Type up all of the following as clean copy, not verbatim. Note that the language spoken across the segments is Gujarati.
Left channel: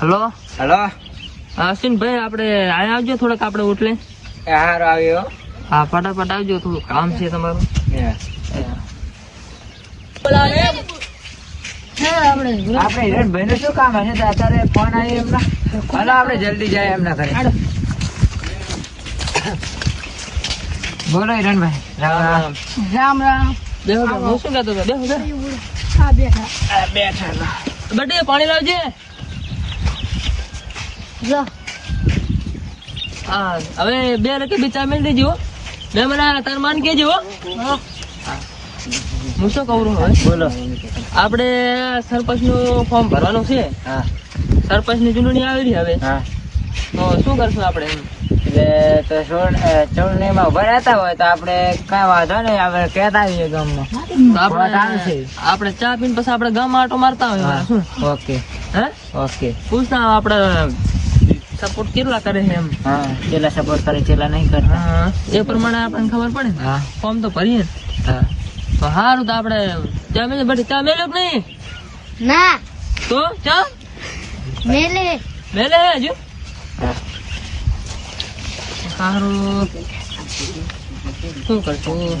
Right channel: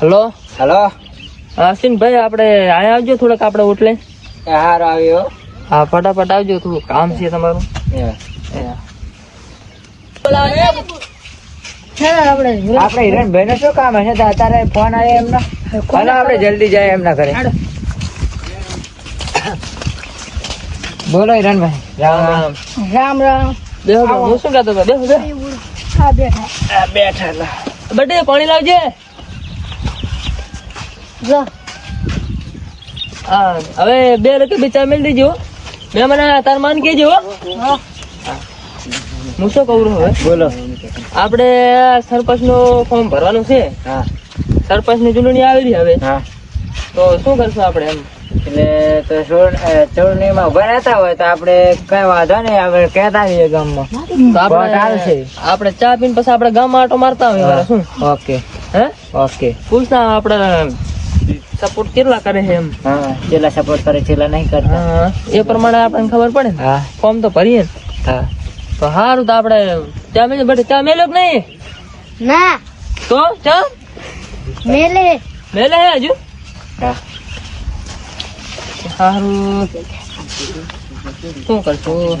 હલો હલો અશ્વિનભાઈ, આપણે આયા આવજો થોડાક, આપણે ઓટલે. હાર આવ્યો. હા, ફટાફટ આવજો, થોડું કામ છે તમારું. આપડે હિરણભાઈ ને શું કામ હશે? અત્યારે ફોન આવ્યો એમના. હાલો આપડે જલ્દી જાય એમના ઘરે. બોલો હિરણભાઈ. રામ રામ રામ. બેહો બેહો. હું શું કહેતો હતો? બેહો બેહો. હા બેઠા. બેઠા. બટે પાણી લાવજે. હા, હવે 2 રૂપિયા બિચાર મેળ દીજો. મેં મને તાર માન કહેજો. હું શું કહું હવે? બોલો. આપણે સરપંચ નું ફોર્મ ભરવાનું છે. હા. સરપંચ ની ચૂંટણી આવી હવે. હા. તો શું કરશું આપણે એમ? એટલે તો ચૂંટણીમાં ઉભા રહેતા હોય તો આપડે કઈ વાંધો નહીં, આપણે કહેતા જઈએ ગામમાં. તો આપણે ચા પીને પછી આપણે ગામમાં આટો મારતા હોય. શું? ઓકે. હે? ઓકે. પૂછના આપણે સપોર્ટ કેટલા કરે છે એમ. હા, કેટલા સપોર્ટ કરે કેટલા નહીં કરતા. હા, એ પ્રમાણે આપણને ખબર પડે ને. હા. ફોર્મ તો ભરીએ ને. હા. તો સારું, તો આપણે ચા મેલે. બેઠે ચા મેલ્યો કે નહીં? ના તો ચા મેલે મેલે હજુ. હા. સારું, શું કરશું?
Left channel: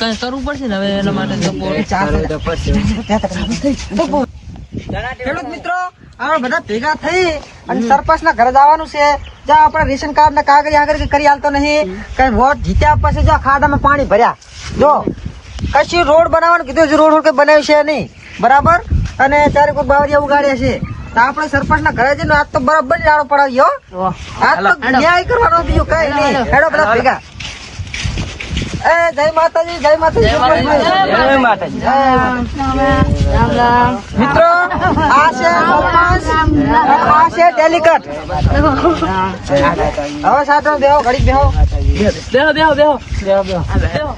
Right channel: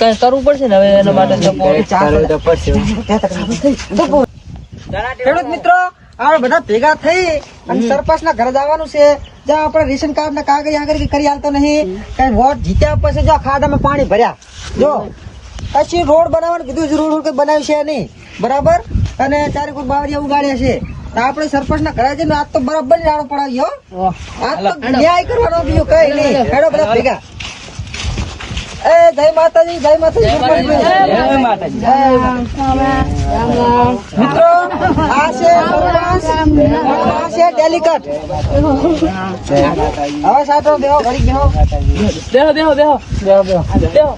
કઈ કરવું પડશે ને હવે એના માટે સપોર્ટ. ચાલુ તો પડશે. ખેડૂત મિત્રો આપણે બધા ભેગા થઈ અને સરપંચ ના ઘરે જવાનું છે. જ્યાં આપણે રેશન કાર્ડ ના કાગળ આગળ કરી હાલતો નહીં. કઈ વોટ જીત્યા પછી જો ખાડામાં પાણી ભર્યા, જો કશું રોડ બનાવવાનું કીધું છે, રોડ કઈ બનાવ્યું છે નહીં, બરાબર. અને ત્યારે કોઈ બાવરિયા ઉગાડ્યા છે. તો આપણે સરપંચ ના ઘરે જઈને આજ તો બરાબર રાડો પડાવ્યો. આજ તો ન્યાય કરવાનો, બીજું કઈ નહીં. હેડો બધા ભેગા. જય માતાજી, જય માતાજી. જય માતાજી. મિત્રો આ છે સરપંચ, આ છે ડેલિકેટ. હવે સાચો બેહો, ઘડીક બેહો. બેહો બેહો બેહો બેહો.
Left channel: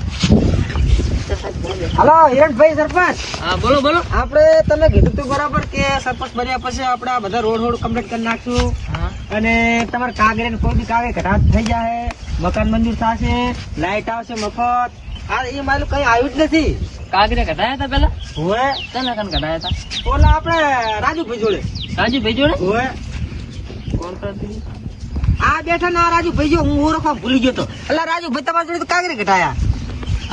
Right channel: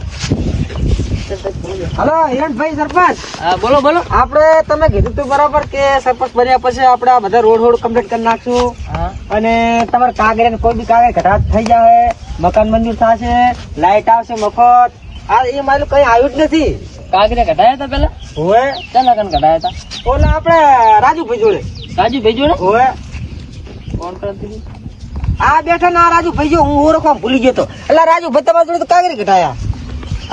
હલો હિરણભાઈ સરપંચ. હા, બોલો બોલો. આપણે તમે કીધું તું બરાબર કે સરપંચ બન્યા પછી આપણે આ બધા રોડ કમ્પ્લીટ કરી નાખશું. હા. અને તમારે કાગળ કોઈ બી કાગળ ઘટાટ થઈ જાય, મકાન મંજૂર થશે, લાઈટ આવશે મફત. આ એ મારું કઈ આવ્યું જ નથી. કાગરે કઢાયા હતા પેલા? ઓએ ચાલા કન કઢાયા હતા? ઓલા આપણે રાજુભાઈ જોડે. રાજી ભેજો ને? ઓએ કોણ કરતી? આ બેઠા ના રાજુભાઈ જો, હું ઓળખવા ભૂલી ગયો તો. એટલે રાજુભાઈ તમારા જોડે તો કાગળ ઘટાયા.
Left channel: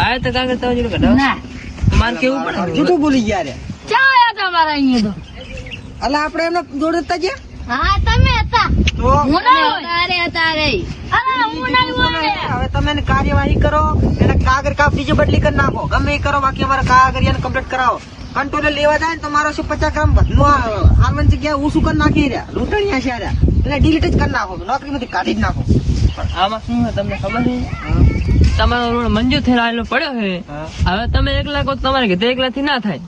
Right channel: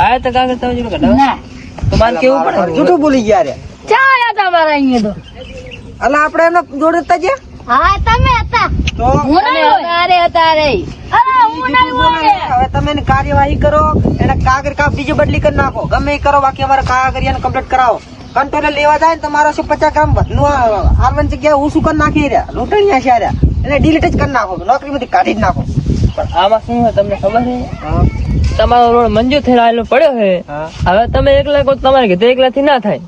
આયા તો કાગળ તમે જોડે કઢાયા? ના તો મારે કેવું પડે. જૂઠું ભૂલી ગયા રે. ચા આયા તમારા અહીંયા તો. એટલે આપણે એમને જોડે હતા જે હા તમે હતા. તો હું નહીં હોય. અરે અરે હું નહીં હોય. હવે તમે એની કાર્યવાહી કરો, એને કાગળ કા બીજી બદલી કરી નાખો, ગમે એ કરો. બાકી અમારે કાગળિયાને કમ્પ્લીટ કરાવો. કંટ્રોલર લેવા જાય ને તો મારો 50 ગ્રામ વધનું આરવન જગ્યાએ હું શું કરી નાખી રહ્યા, લૂંટણીયા છે રહ્યા. એટલે ડિલીટ જ કરી નાખો, નોકરીમાંથી કાઢી જ નાખો. પણ આમાં શું હોય તમને ખબર છે? તમારો રોડ મંજૂર થઈને આવેલો પડ્યો છે. હવે તમે એકલા કહો, તમારે કીધું એકલાથી ના થાય.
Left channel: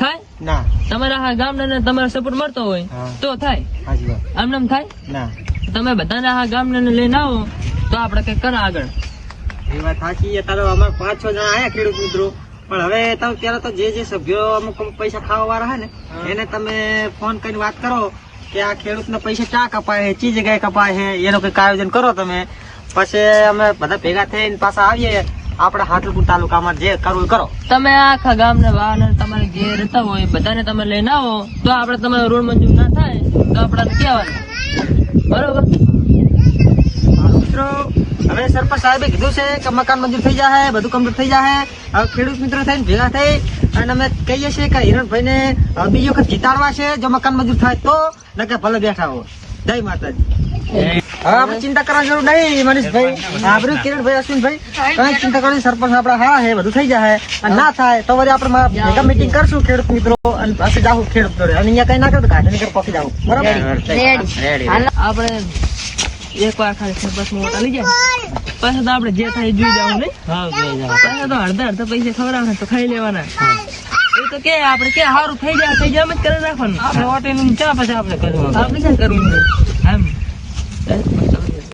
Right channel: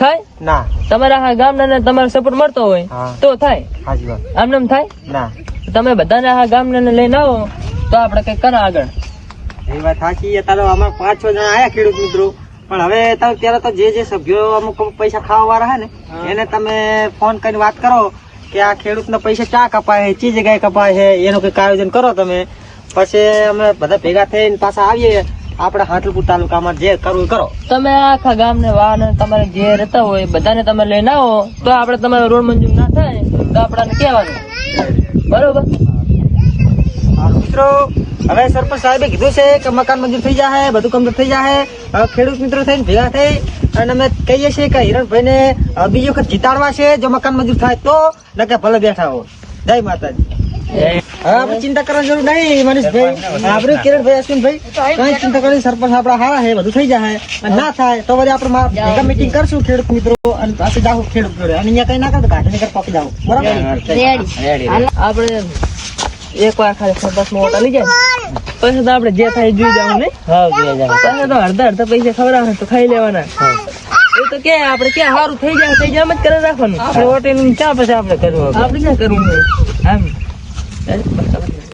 થાય? ના તમારા આ ગામના તમારો સપોર્ટ મળતો હોય તો થાય. હાજી વાત. આમ નામ થાય? ના તમે બધાને આ ગામના લઈને આવો તો આપણે કઈ કરો આગળ. એ વાત સાચી. તારો અમારે 5-6 જણા આયા ખેડૂત મિત્રો. પણ હવે તમે ત્યારે તો જે સભ્યો અમુક પૈસા ખાવા વાળા હે ને એને તમે ફોન કરીને વાત કરો કે આ ખેડૂત ના પૈસા ચા કપાય છે, ચી જગ્યાએ કપાય છે, એનું કઈક આયોજન કરો તમે. પછી અમે બધા ભેગા થઈને પાછા આવીએ આપણે હાટલપુર તાલુકામાં. જે કરવું એ કરો. તમે આખા ગામને વાહન તમારે જે રહેતા હોય બધાને તમે લઈને આવો તો આપણે તમારો રોડ મંજૂર ના થાય તો આપણાને કહેવાનું, બરોબર? મિત્રો હવે સરપંચ સાહેબે કીધું છે કે મકાન મંજૂર થઈ જાય, બધું કમ્પ્લીટ થઈ જાય. હવે ખેડૂત મિત્રો થઈને ભેગા થઈ અને અમે કહીએ છીએ કે હિરણભાઈ ને બીજી વખત જીતાડવા છે. જો મકાન મંજૂર થાય તો, નકે ભલે બેઠા હો. જય માતાજી. હવે આપણે ચિંતા કરવાની જરૂર નહીં મનીષભાઈ, આપણે કિરણભાઈ, અશ્વિનભાઈ, કઈ ચિંતા કરવાની. સરપંચ આપડા હારા છે, બધું થઈ જાય. અને ના થાય તો વળી આપણે ભેગા મીટિંગ કરશું ખેડૂત મિત્રો અને પાછી જાવું ખેડૂત જોડે. અને અહીંયા કઈ ના કરતો ગાંધી નગર પહોંચી જાવ, બરાબર? આપણે એક વાર ખાલી સરપંચ માં ઓટા લઈ જાય પછી તો આપણે જે થાય જોઈ જવું નહીં. પછી તો અડધા પૈસા ખવડાવે તો ખાઈ લેવાના. એ તો કે આપણે ક્યાં સારું થઈ જાય એમ જ કરી રાખવાનું. આપણે ઓટી ક્યાં પછી આપણે કરવું, આપણે ક્યાં કરવું એમ.